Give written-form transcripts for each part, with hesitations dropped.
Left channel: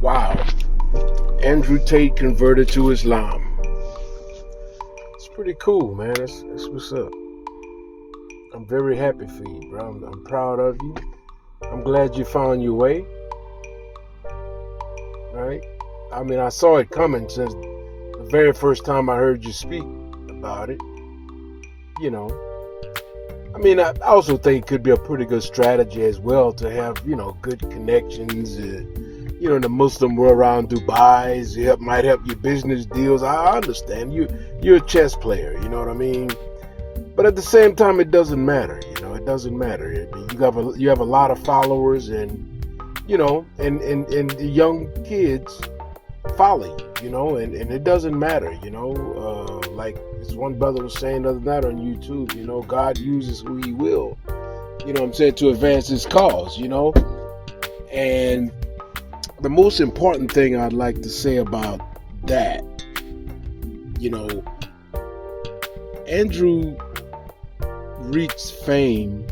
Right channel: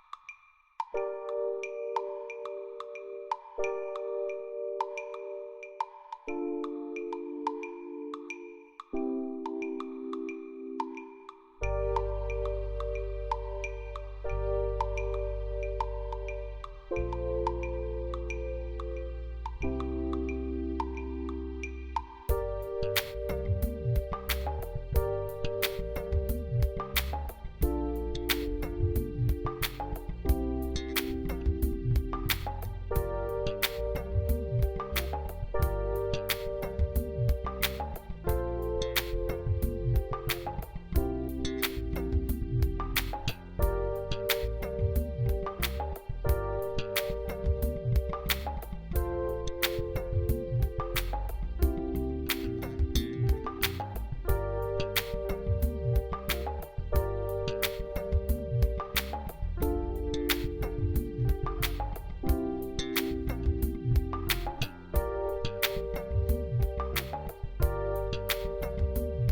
Wow. Andrew Tate converted to Islam. It's pretty cool, man. That's what's up. I'm very happy for you, bro. I'm proud of you. I'm glad you found your way. Right? I mean, I saw it coming since the very first time I heard you speak about it. You know, I mean, I also think it could be a pretty good strategy as well to have, good connections, in the Muslim world around Dubai. Might help your business deals. I understand. You're a chess player, you know what I mean? But at the same time, it doesn't matter. It doesn't matter. You have a lot of followers, and and the young kids follow you, and it doesn't matter. Like this one brother was saying the other night on YouTube. God uses who He will. To advance His cause. And the most important thing I'd like to say about that, Andrew reached fame,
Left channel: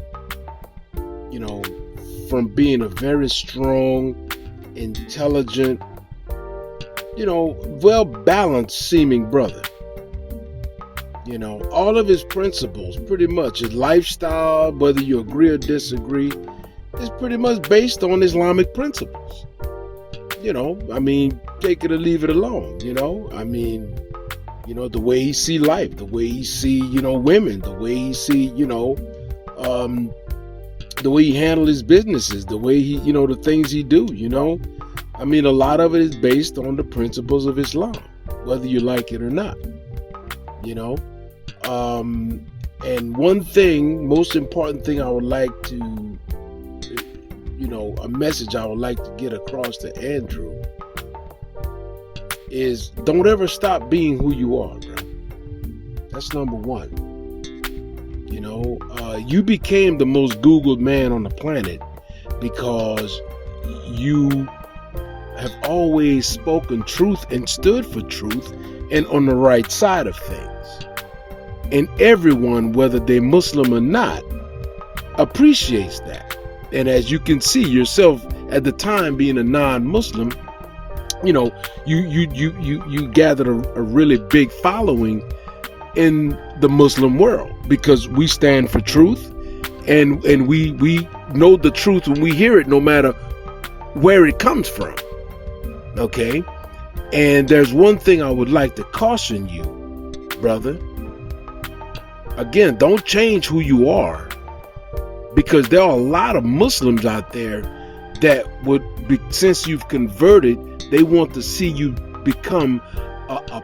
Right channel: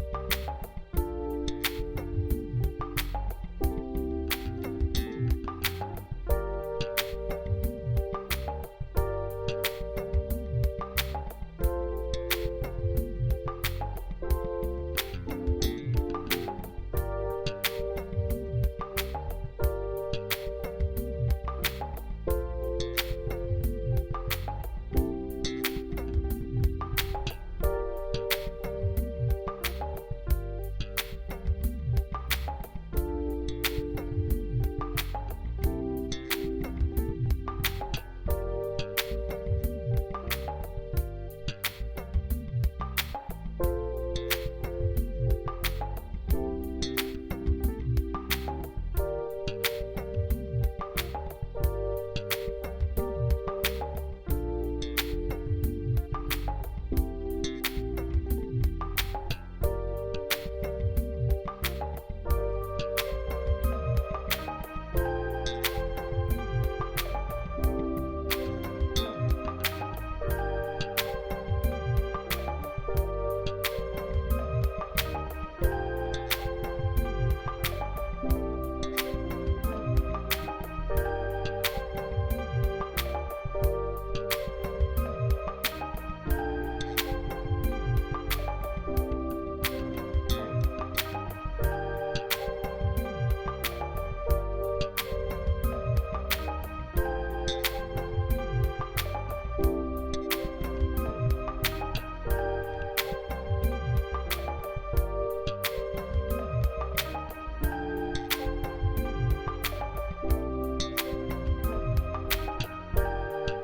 from being a very strong, intelligent, well-balanced seeming brother. All of his principles, pretty much, his lifestyle, whether you agree or disagree, is pretty much based on Islamic principles. Take it or leave it alone, the way he see life, the way he see, women, the way he see, the way he handle his businesses, the way he, the things he do, a lot of it is based on the principles of Islam, whether you like it or not, and one thing, most important thing I would like to, a message I would like to get across to Andrew is don't ever stop being who you are, bro. That's number one. You became the most Googled man on the planet because you have always spoken truth and stood for truth and on the right side of things. And everyone, whether they're Muslim or not, appreciates that. And as you can see yourself at the time being a non-Muslim, you gathered a really big following in the Muslim world because we stand for truth and we know the truth when we hear it, no matter where it comes from. Okay? And there's one thing I would like to caution you, brother. Again, don't change who you are, because there are a lot of Muslims out there that would be, since you've converted, they want to see you become a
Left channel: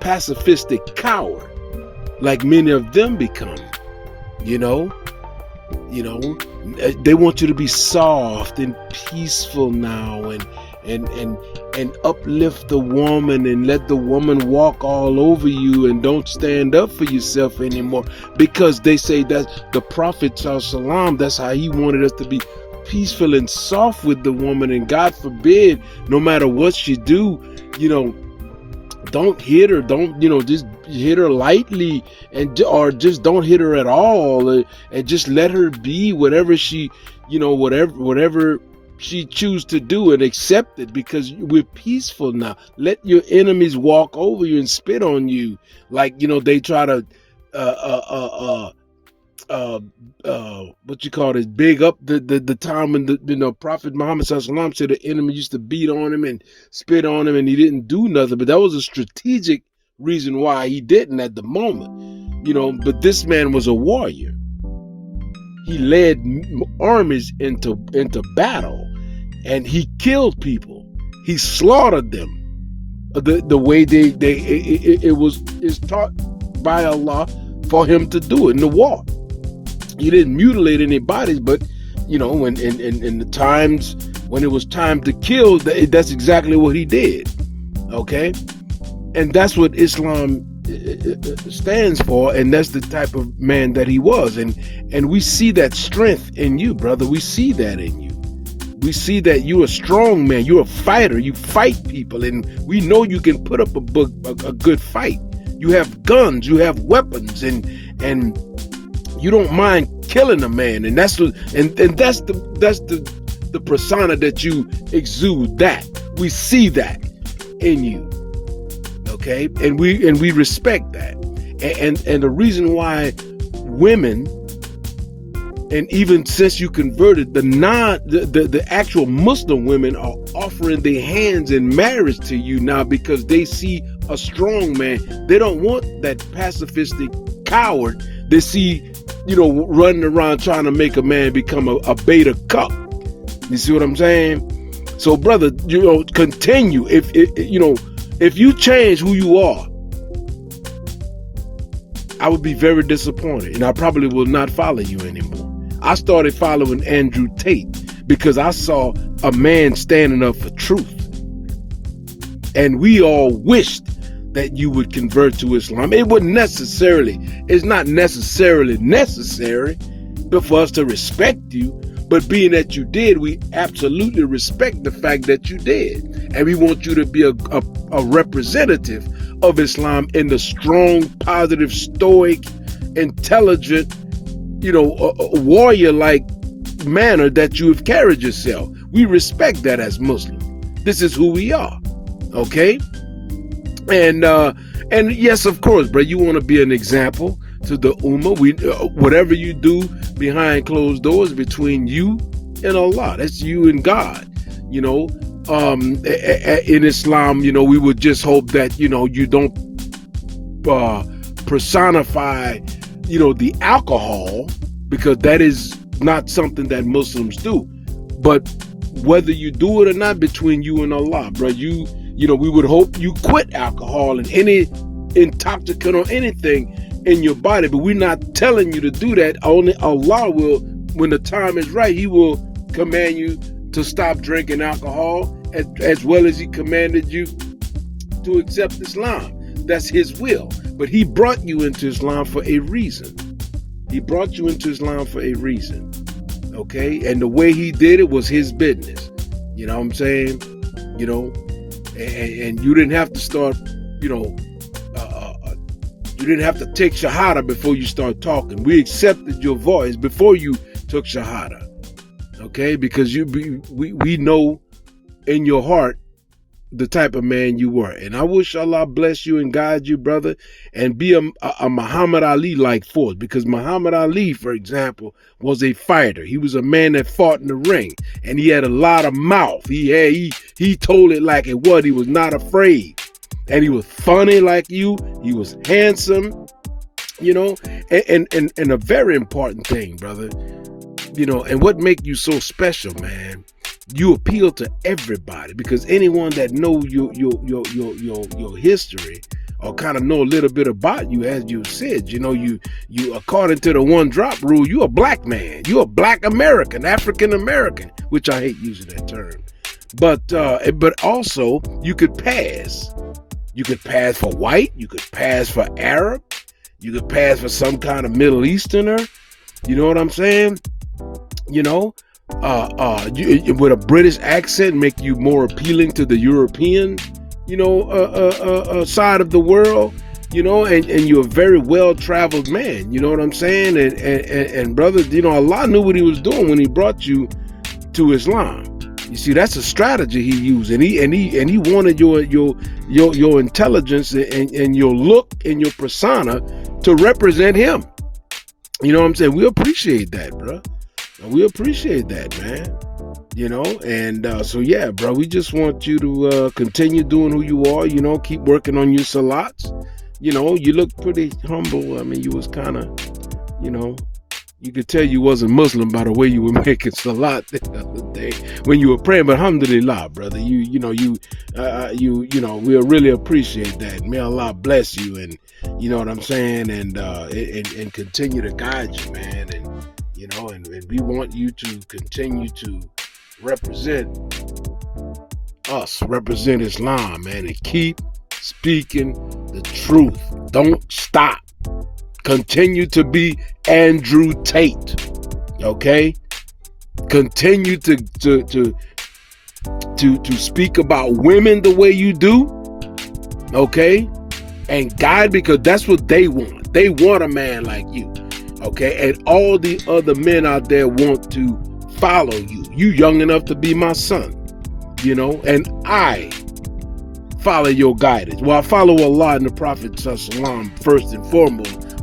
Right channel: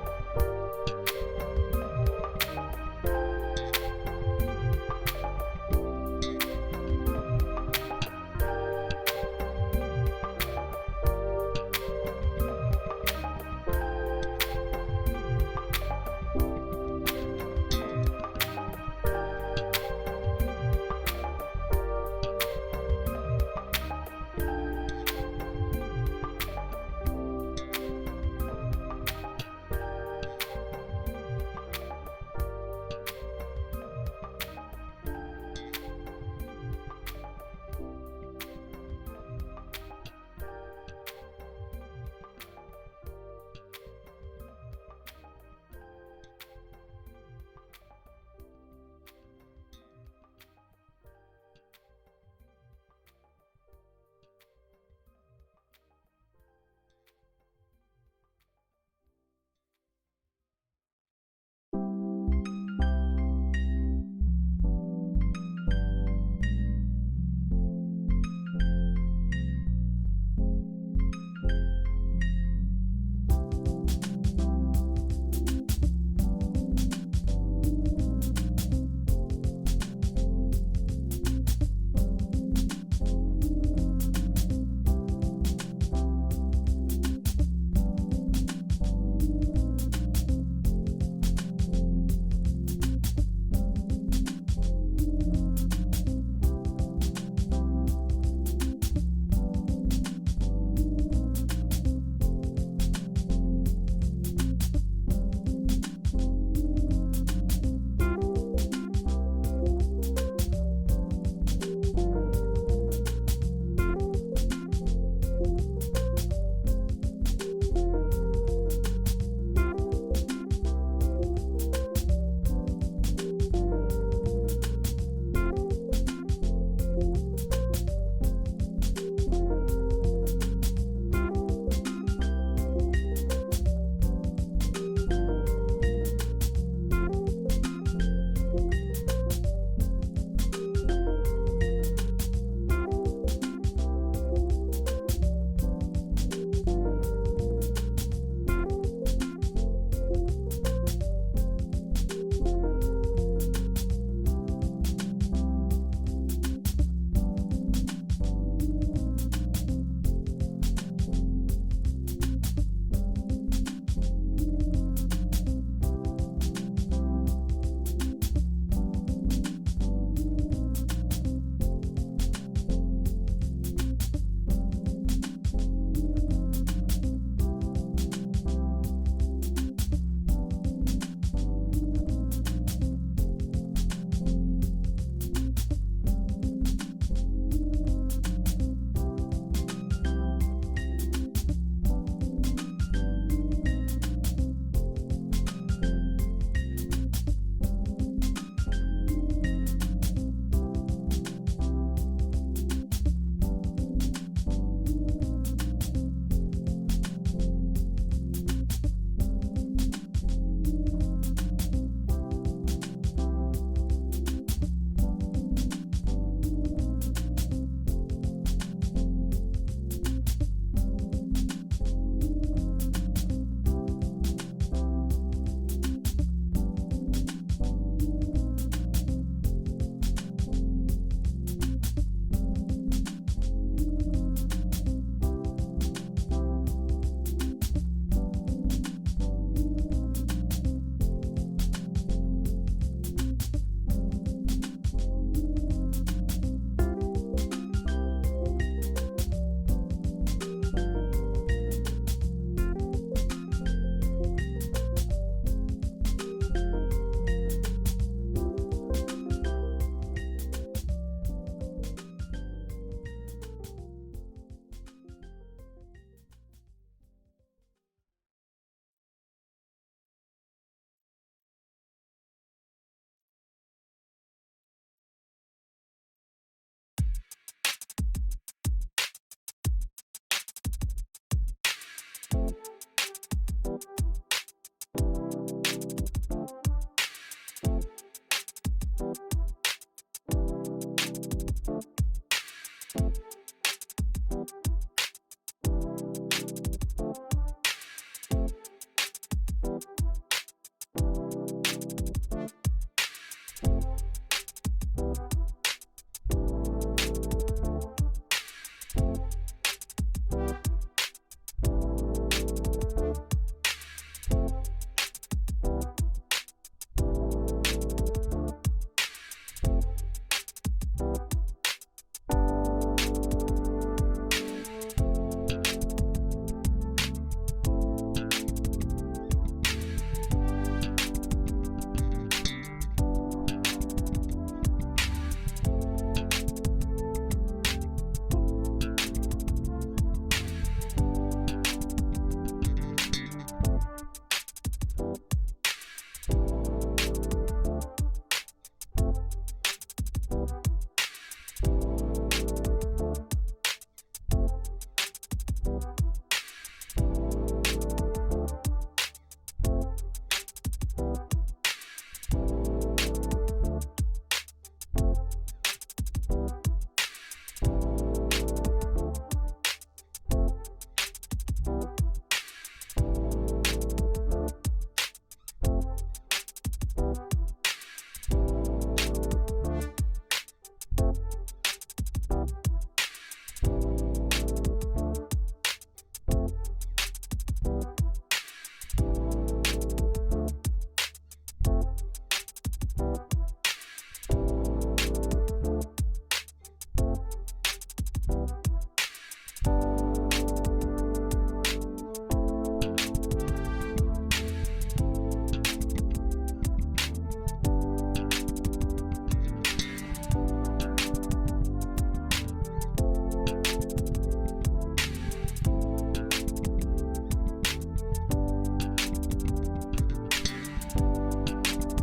pacifistic coward, like many of them become. They want you to be soft and peaceful now, and uplift the woman and let the woman walk all over you and don't stand up for yourself anymore, because they say that the Prophet ﷺ, that's how he wanted us to be peaceful and soft with the woman, and God forbid, no matter what she do, don't hit her, don't just hit her lightly, or just don't hit her at all, and just let her be whatever she whatever she choose to do, and accept it, because we're peaceful now. Let your enemies walk over you and spit on you, like they try to big up the time when the Prophet Muhammad Sallallahu said the enemy used to beat on him and spit on him and he didn't do nothing, but that was a strategic reason why he didn't at the moment, but this man was a warrior. He led armies into battle, and he killed people. He slaughtered them. The way it's taught by Allah for him to do it in the war. He didn't mutilate any bodies, but when in the times when it was time to kill, that's exactly what he did. Okay, and that's what Islam stands for, and that's the type of man that he was, and we see that strength in you, brother. We see that in you. We see that you're a strong man. You're a fighter. You fight people, and we know you can put up a good fight. You have guns. You have weapons, and you don't mind killing a man, and that's the persona that you exude that. We see that in you. Okay? And we respect that. And the reason why women, and even since you converted, the actual Muslim women are offering their hands in marriage to you now because they see a strong man. They don't want that pacifistic coward they see, running around trying to make a man become a beta cuck. You see what I'm saying? So, brother, continue. If you change who you are, I would be very disappointed, and I probably will not follow you anymore. I started following Andrew Tate because I saw a man standing up for truth. And we all wished that you would convert to Islam. It's not necessarily necessary for us to respect you, but being that you did, we absolutely respect the fact that you did. And we want you to be a representative of Islam in the strong, positive, stoic, intelligent, warrior-like manner that you have carried yourself. We respect that as Muslims. This is who we are, okay? And yes, of course, bro, you want to be an example to the Ummah. Whatever you do behind closed doors between you and Allah, that's you and God. In Islam, we would just hope that you don't personify the alcohol, because that is not something that Muslims do. But whether you do it or not, between you and Allah, bro, we would hope you quit alcohol and any intoxicant or anything in your body. But we're not telling you to do that. Only Allah will, when the time is right, He will command you to stop drinking alcohol, as well as He commanded you to accept Islam. That's His will. But He brought you into Islam for a reason. He brought you into Islam for a reason. Okay? And the way He did it was His business. You know what I'm saying? And you didn't have to start, you didn't have to take Shahada before you start talking. We accepted your voice before you took Shahada. Okay? Because we know in your heart the type of man you were. And I wish Allah bless you and guide you, brother, and be a Muhammad Ali-like force. Because Muhammad Ali, for example, was a fighter. He was a man that fought in the ring, and he had a lot of mouth. He told it like it was. He was not afraid. And he was funny like you. He was handsome, and a very important thing, brother, and what make you so special, man, you appeal to everybody, because anyone that know your history or kind of know a little bit about you, as you said, you according to the one drop rule, you a black man, you a black American, African American, which I hate using that term, but also you could pass. You could pass for white, you could pass for Arab, you could pass for some kind of Middle Easterner. You know what I'm saying? With a British accent, make you more appealing to the European, side of the world, and you're a very well-traveled man. You know what I'm saying? And brother, Allah knew what He was doing when He brought you to Islam. You see, that's a strategy He used, and he wanted your intelligence and your look and your persona to represent Him. You know what I'm saying? We appreciate that, bro. We appreciate that, man. And so yeah, bro, we just want you to continue doing who you are, keep working on your salats. You look pretty humble. I mean, you was kind of, you could tell you wasn't Muslim by the way you were making salat the other day when you were praying. But alhamdulillah, brother, we'll really appreciate that. May Allah bless you, and you know what I'm saying, and continue to guide you, man, and we want you to continue to represent us, represent Islam, man, and keep speaking the truth. Don't stop. Continue to be Andrew Tate, okay? Continue to speak about women the way you do, okay? And guide, because that's what they want. They want a man like you, okay? And all the other men out there want to follow you. You young enough to be my son, and I follow your guidance. Well, I follow Allah and the Prophet Sallam first and foremost,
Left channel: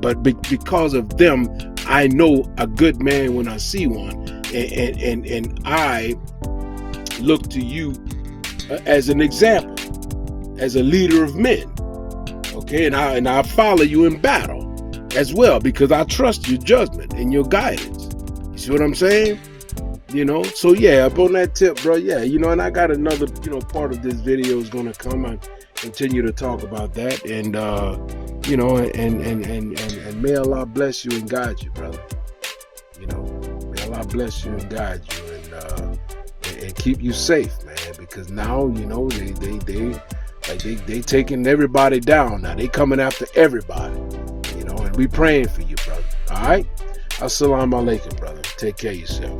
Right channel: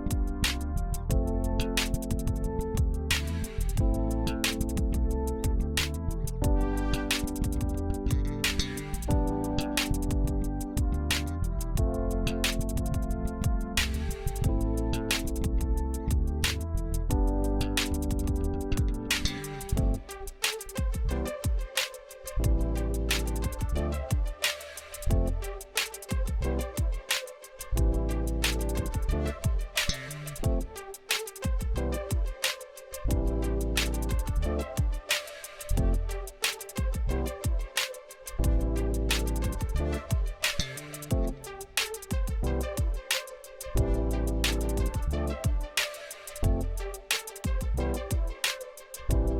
but because of them, I know a good man when I see one, and I look to you as an example, as a leader of men. Okay, and I follow you in battle as well, because I trust your judgment and your guidance. You see what I'm saying? So yeah, up on that tip, bro. Yeah, and I got another, part of this video is gonna come and continue to talk about that, and and may Allah bless you and guide you, brother. May Allah bless you and guide you, and keep you safe, man. Because now, they taking everybody down. Now they coming after everybody, and we praying for you, brother. All right. Assalamu alaikum, brother. Take care of yourself.